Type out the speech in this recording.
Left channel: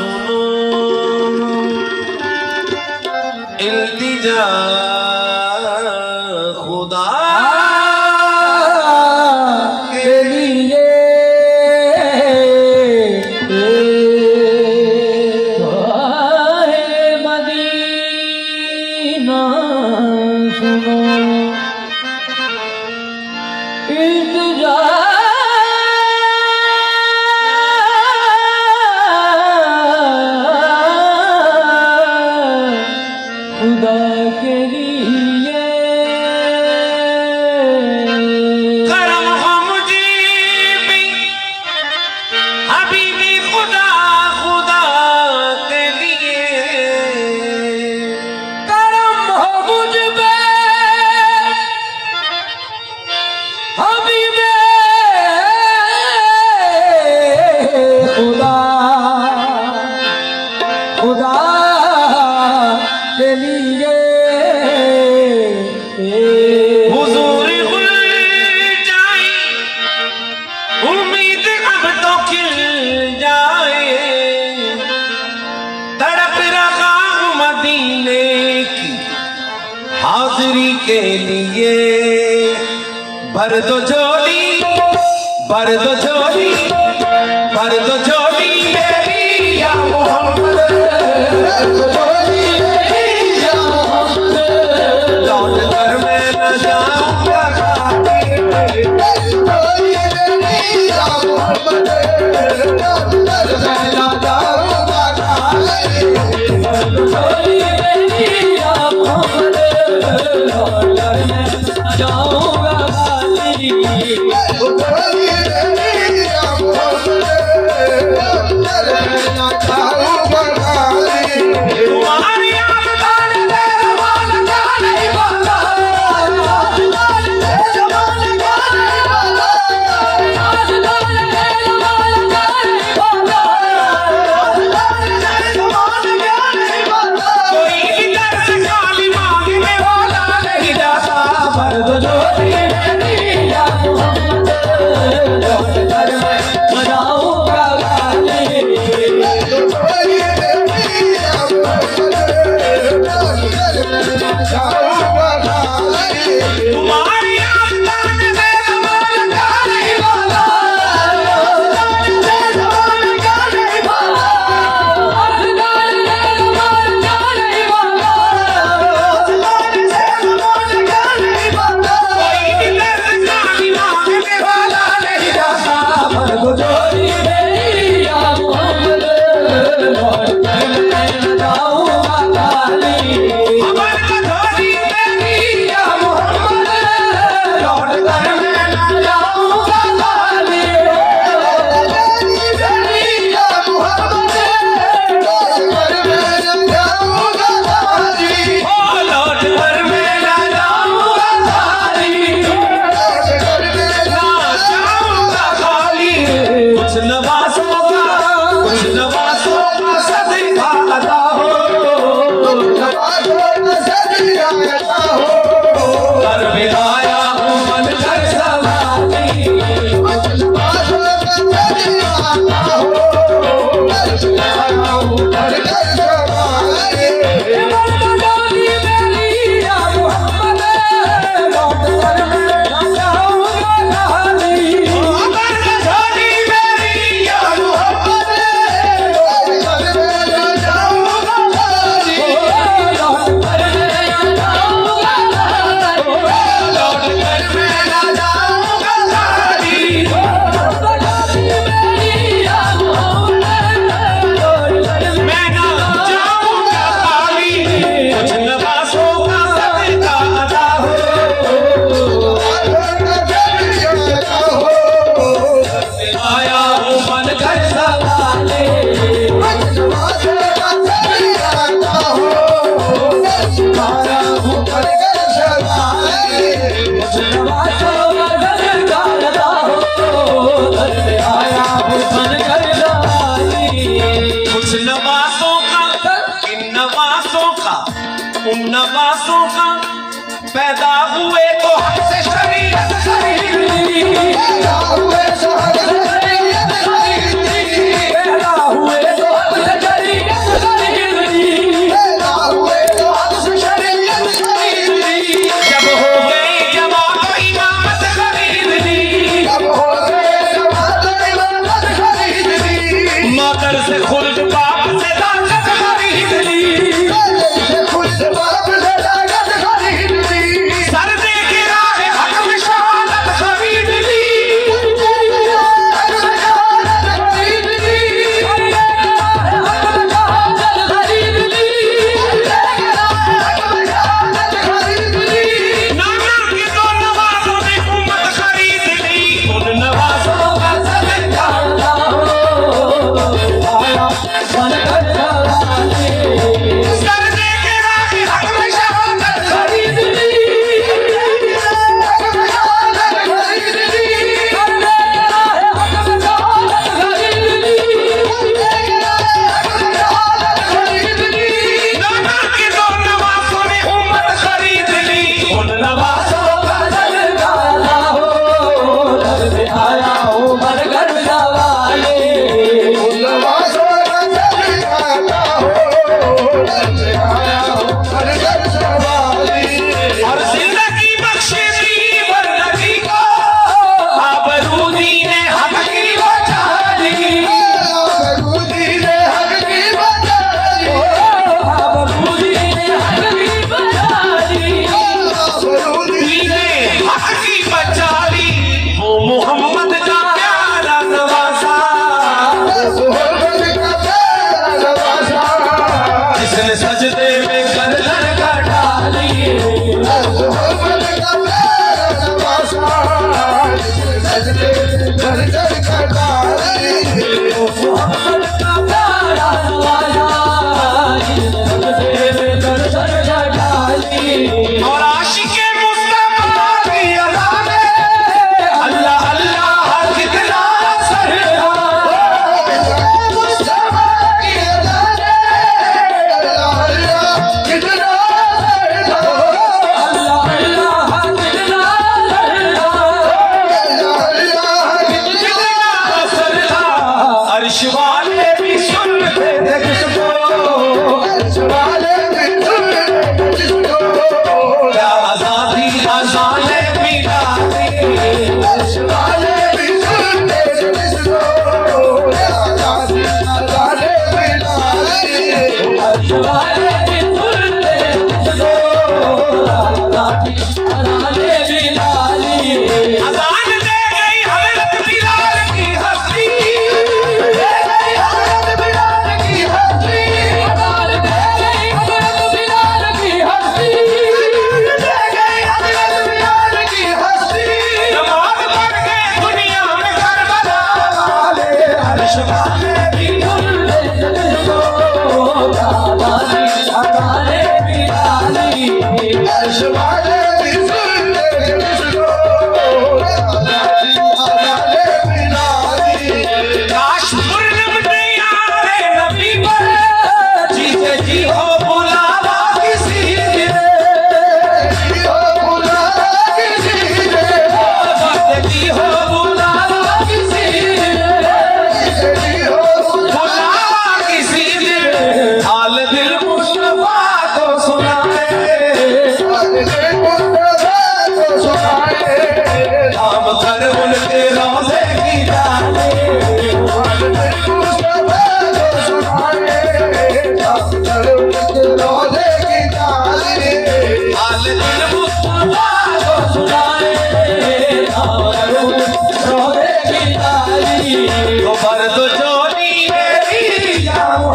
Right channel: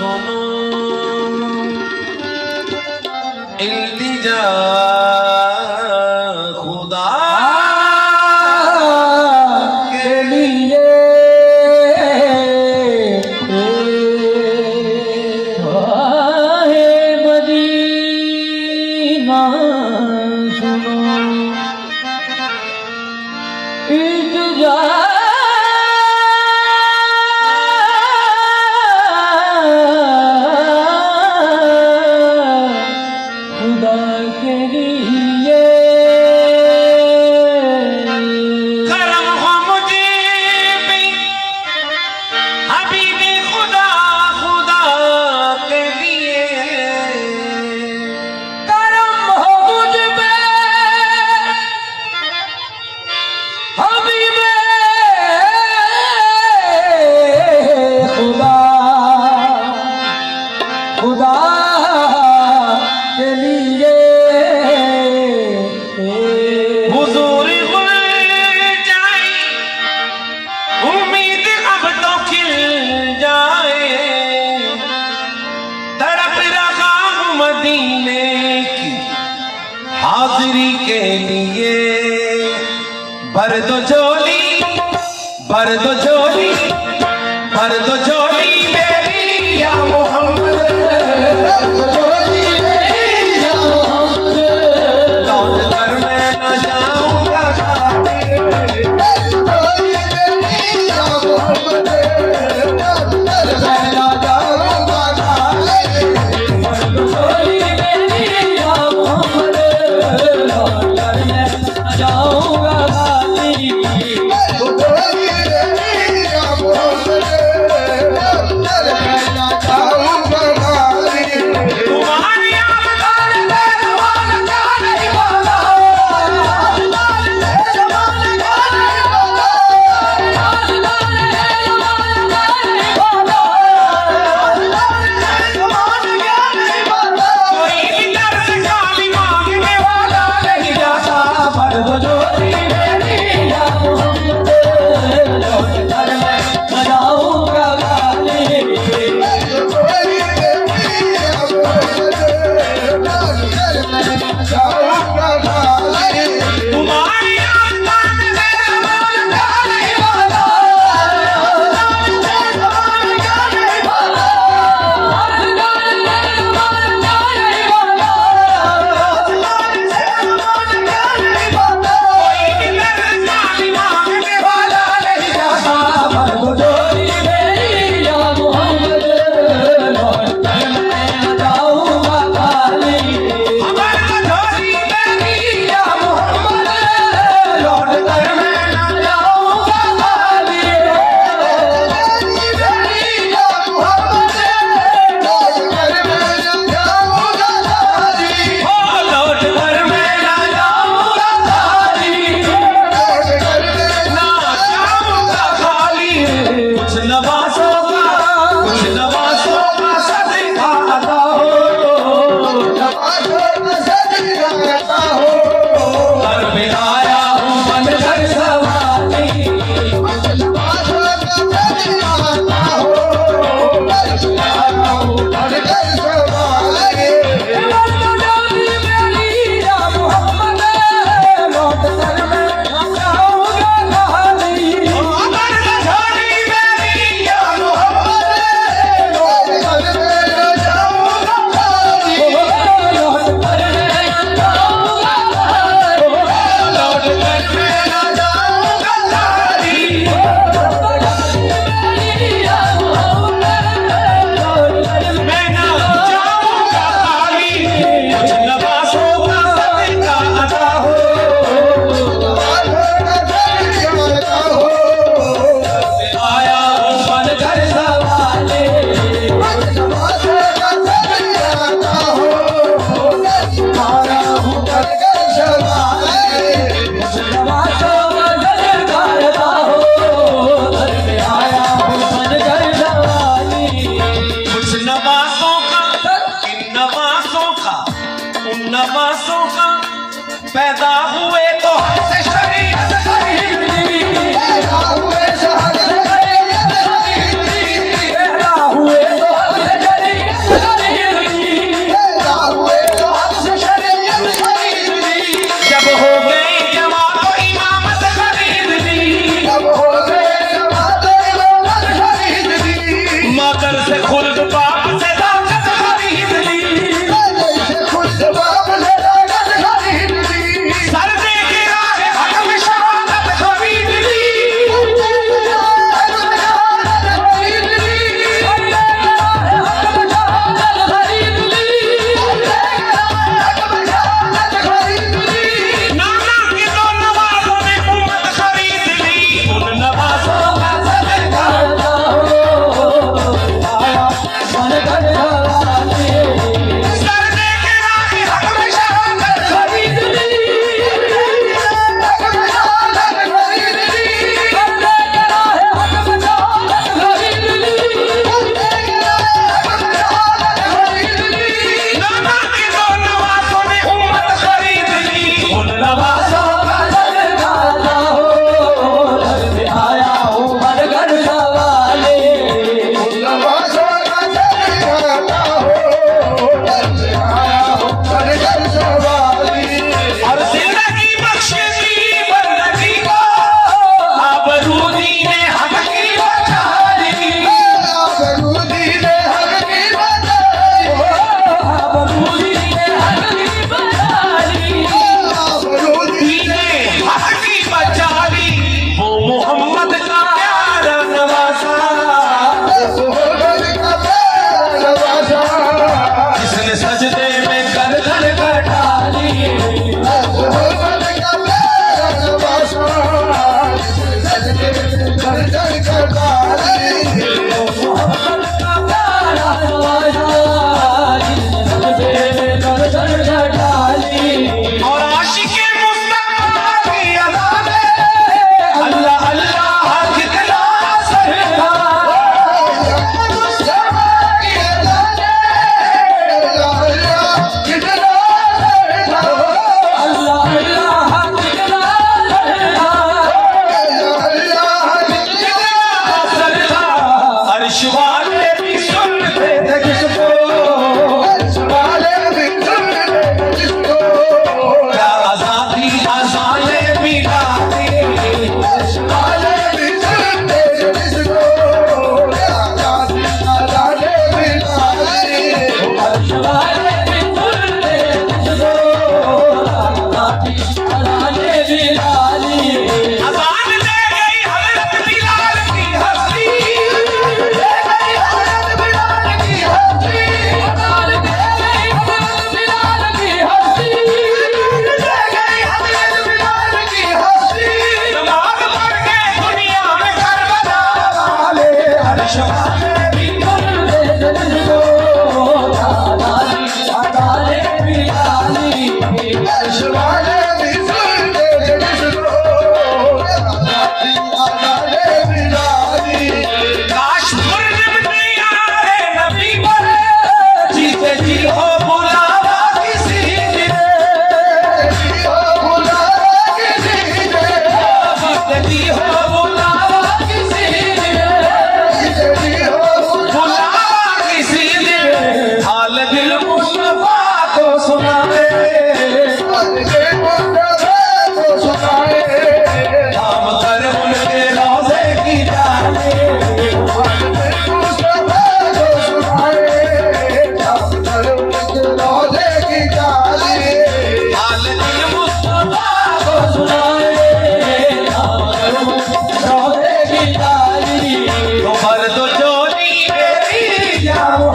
सुनो इल्तिजा खुदा के लिए मदीना सुनो इल्तिजा खुदा के लिए करम हो मुझे भी हबीबी खुदा खुदा के लिए करम हो मुझ पे हबीबी खुदा खुदा के लिए हुजूर गुल जाए उम्मीद अब तो खिल जाए तड़प रहा हूँ मदीने की हाजिरी के लिए भर दो झोली भर दो झोली भर दो झोली मेरी या मोहम्मद उन नवासों का पैदा हुए तो हमसे शरीयत पैदा हुए तो हमसे शरीयत पैदा हुए तो हमसे दर से खुल्द बाप से दागत खरीद ली सर दे के राह हक में शहादत खरीद ली नाना की तो नवाजों ने उम्मत खरीद ली उन नवाजों का सर दे के राह हक में शहादत खरीद ली नाना की तो नवाजों ने उम्मत खरीद ली उन नवाजों का और जिंदगी बख्शे दी बंदगी को आबरूदी ने हक की बचा ली आबरूदी ने हक की बचा ली वो मोहम्मद का प्यारा नवाजा जिसने सजदे में गर्दन कटा ली और आशिके मुस्तफा की अदा में अल्लाह अल्लाह कितना सरदा अर्श वाले भी सुनते थे किसको क्या आजादी आजाले भी गाते अजान दे गई हजरत बिलाल की हस्ती नमाज पढ़ के दुनिया में करबला वाले अर्श वाले भी काश पूर्णिम ने यारे नबी पर जीते जी हो बुलावा किसी ने जीते जी हो बुलावा किसी ने हाल दिल मुस्तफा को सुनाए हम कर उनके रोज़े की जाने हाल दिल मुस्तफा को सुनाए तो पर तो चोरी मेरी जाओ